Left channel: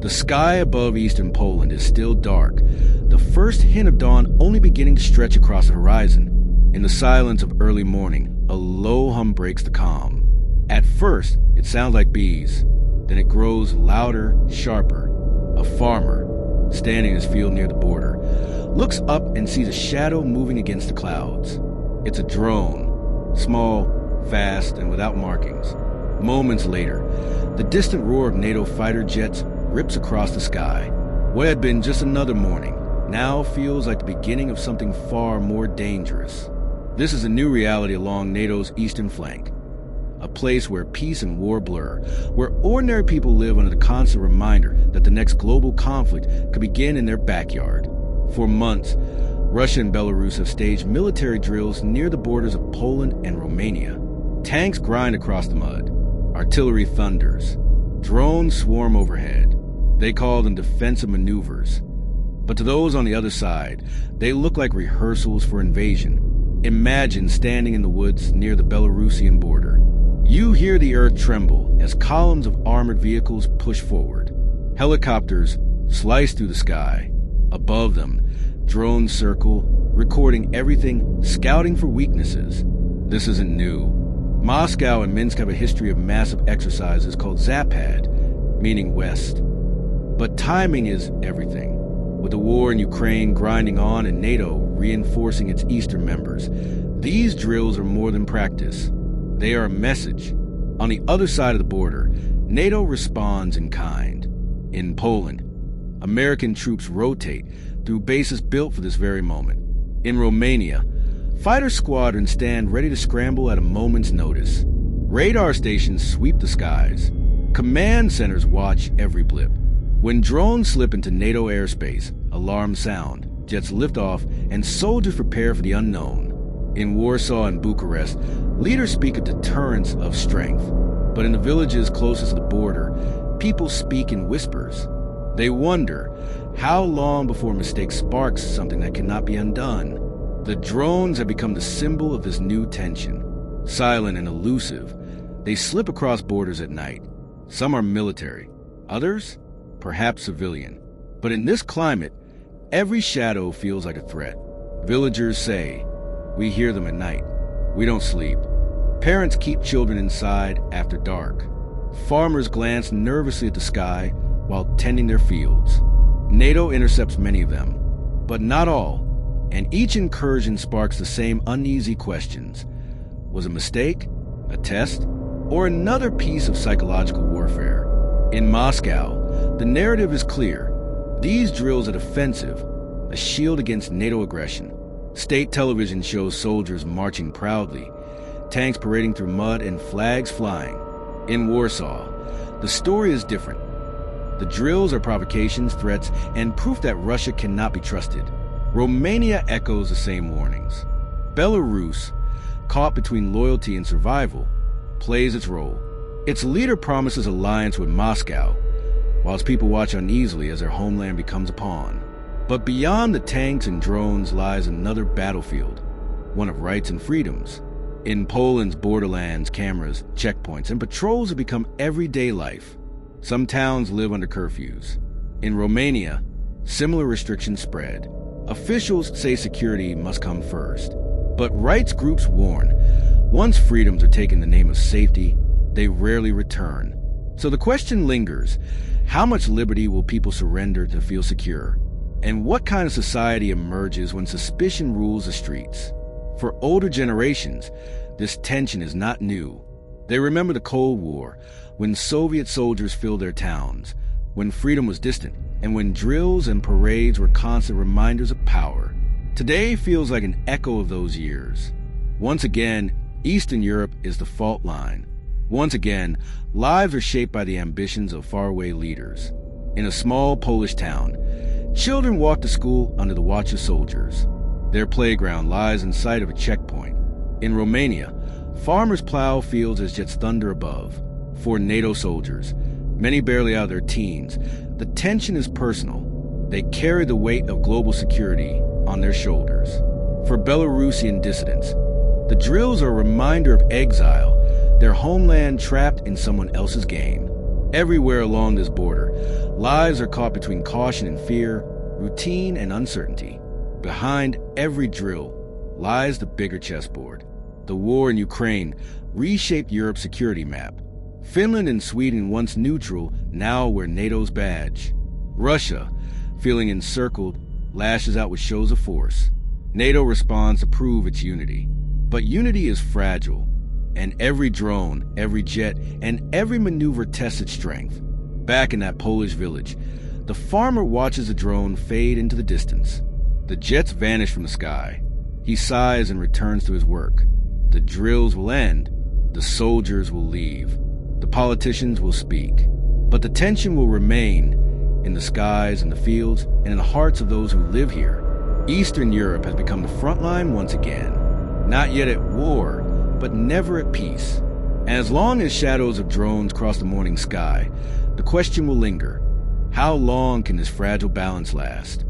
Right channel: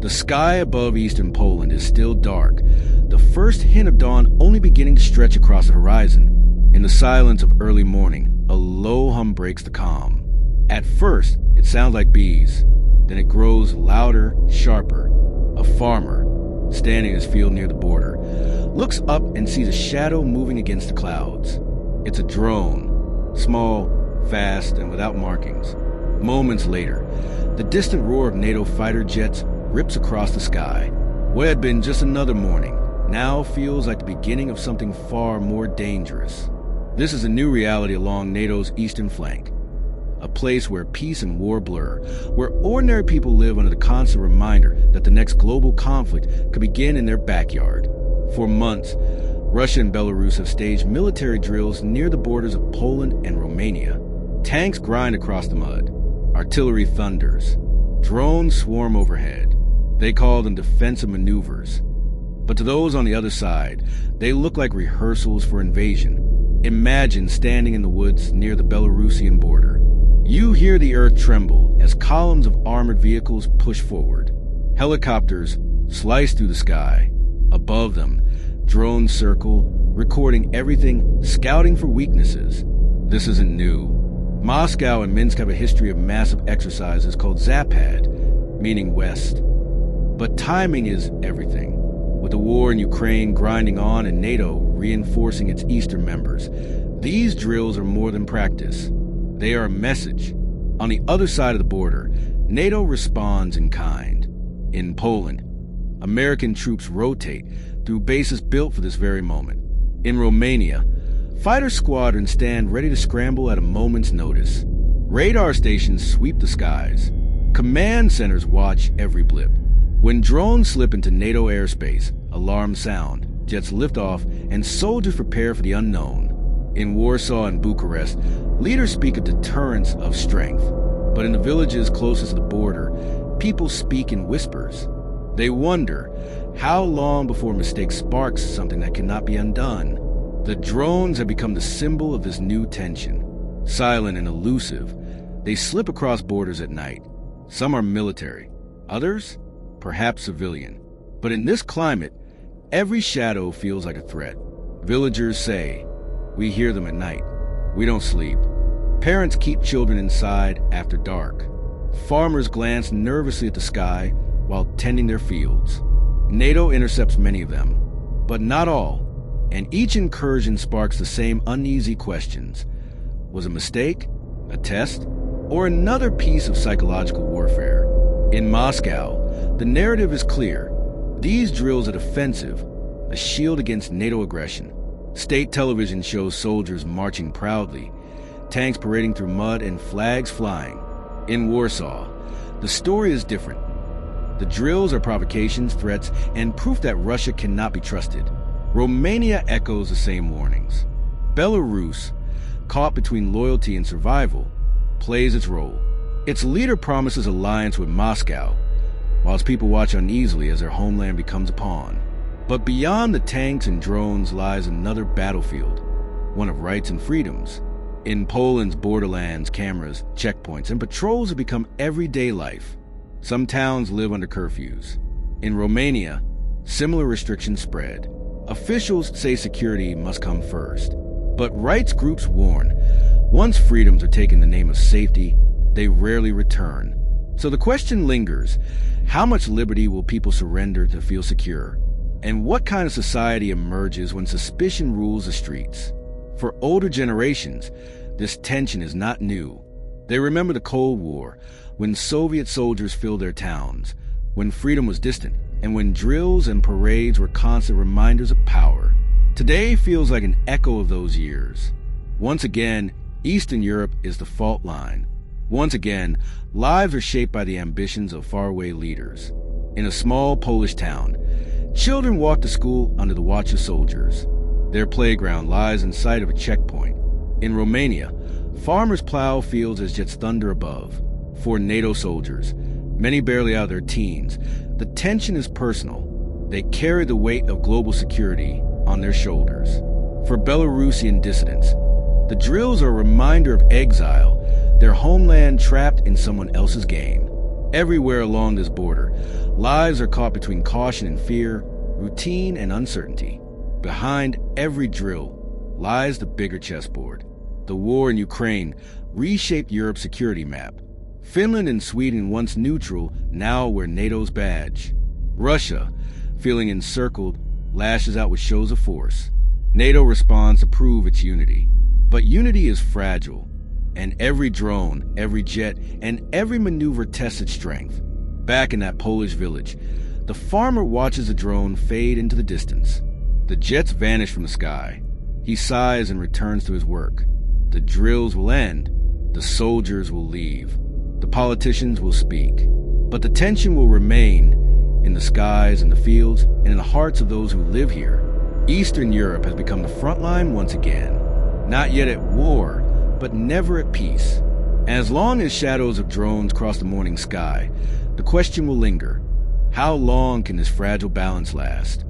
The sky above eastern Poland is still dark, the first hint of dawn only beginning to stretch across the horizon. In the silence of early morning, a low hum breaks the calm. At first, it sounds like bees. Then it grows louder, sharper. A farmer, standing in his field near the border, looks up and sees a shadow moving against the clouds. It's a drone, small, fast, and without markings. Moments later, the distant roar of NATO fighter jets rips across the sky. What had been just another morning now feels like the beginning of something far more dangerous. This is a new reality along NATO's eastern flank, a place where peace and war blur, where ordinary people live under the constant reminder that the next global conflict could begin in their backyard. For months, Russia and Belarus have staged military drills near the borders of Poland and Romania. Tanks grind across the mud. Artillery thunders. Drones swarm overhead. They call them defensive maneuvers. But to those on the other side, they look like rehearsals for invasion. Imagine standing in the woods near the Belarusian border. You hear the earth tremble as columns of armored vehicles push forward. Helicopters slice through the sky. Above them, drones circle, recording everything, scouting for weaknesses. This isn't new. Moscow and Minsk have a history of massive exercises called Zapad, meaning west. But timing is everything. With the war in Ukraine grinding on and NATO reinforcing its eastern members, these drills are more than practice. They are a message. On the other side of the border, NATO responds in kind. In Poland, American troops rotate through bases built for this very moment. In Romania, fighter squadrons stand ready to scramble at a moment's notice. Radar stations sweep the skies. Command centers watch every blip. When drones slip into NATO airspace, alarms sound, jets lift off, and soldiers prepare for the unknown. In Warsaw and Bucharest, leaders speak of deterrence of strength. But in the villages closest to the border, people speak in whispers. They wonder how long before a mistake sparks something that cannot be undone. The drones have become the symbol of this new tension. Silent and elusive, they slip across borders at night. Some are military, others, perhaps civilian. But in this climate, every shadow feels like a threat. Villagers say, "We hear them at night. We don't sleep." Parents keep children inside after dark. Farmers glance nervously at the sky while tending their fields. NATO intercepts many of them, but not all, and each incursion sparks the same uneasy questions. Was a mistake, a test, or another piece of psychological warfare? In Moscow, the narrative is clear. These drills are defensive, a shield against NATO aggression. State television shows soldiers marching proudly, tanks parading through mud and flags flying. In Warsaw, the story is different. The drills are provocations, threats, and proof that Russia cannot be trusted. Romania echoes the same warnings. Belarus, caught between loyalty and survival, plays its role. Its leader promises alliance with Moscow, whilst people watch uneasily as their homeland becomes a pawn. But beyond the tanks and drones lies another battlefield, one of rights and freedoms. In Poland's borderlands, cameras, checkpoints, and patrols have become everyday life. Some towns live under curfews. In Romania, similar restrictions spread. Officials say security must come first. But rights groups warn, once freedoms are taken in the name of safety, they rarely return. So the question lingers, how much liberty will people surrender to feel secure? And what kind of society emerges when suspicion rules the streets? For older generations, this tension is not new. They remember the Cold War, when Soviet soldiers filled their towns, when freedom was distant, and when drills and parades were constant reminders of power. Today feels like an echo of those years. Once again, Eastern Europe is the fault line. Once again, lives are shaped by the ambitions of faraway leaders. In a small Polish town, children walk to school under the watch of soldiers. Their playground lies in sight of a checkpoint. In Romania, farmers plow fields as jets thunder above. For NATO soldiers, many barely out of their teens, the tension is personal. They carry the weight of global security on their shoulders. For Belarusian dissidents, the drills are a reminder of exile, their homeland trapped in someone else's game. Everywhere along this border, lives are caught between caution and fear, routine and uncertainty. Behind every drill lies the bigger chessboard. The war in Ukraine reshaped Europe's security map. Finland and Sweden, once neutral, now wear NATO's badge. Russia, feeling encircled, lashes out with shows of force. NATO responds to prove its unity. But unity is fragile, and every drone, every jet, and every maneuver tests its strength. Back in that Polish village, the farmer watches a drone fade into the distance. The jets vanish from the sky. He sighs and returns to his work. The drills will end. The soldiers will leave. The politicians will speak. But the tension will remain in the skies, in the fields, and in the hearts of those who live here. Eastern Europe has become the front line once again. Not yet at war, but never at peace. And as long as shadows of drones cross the morning sky, the question will linger. How long can this fragile balance last?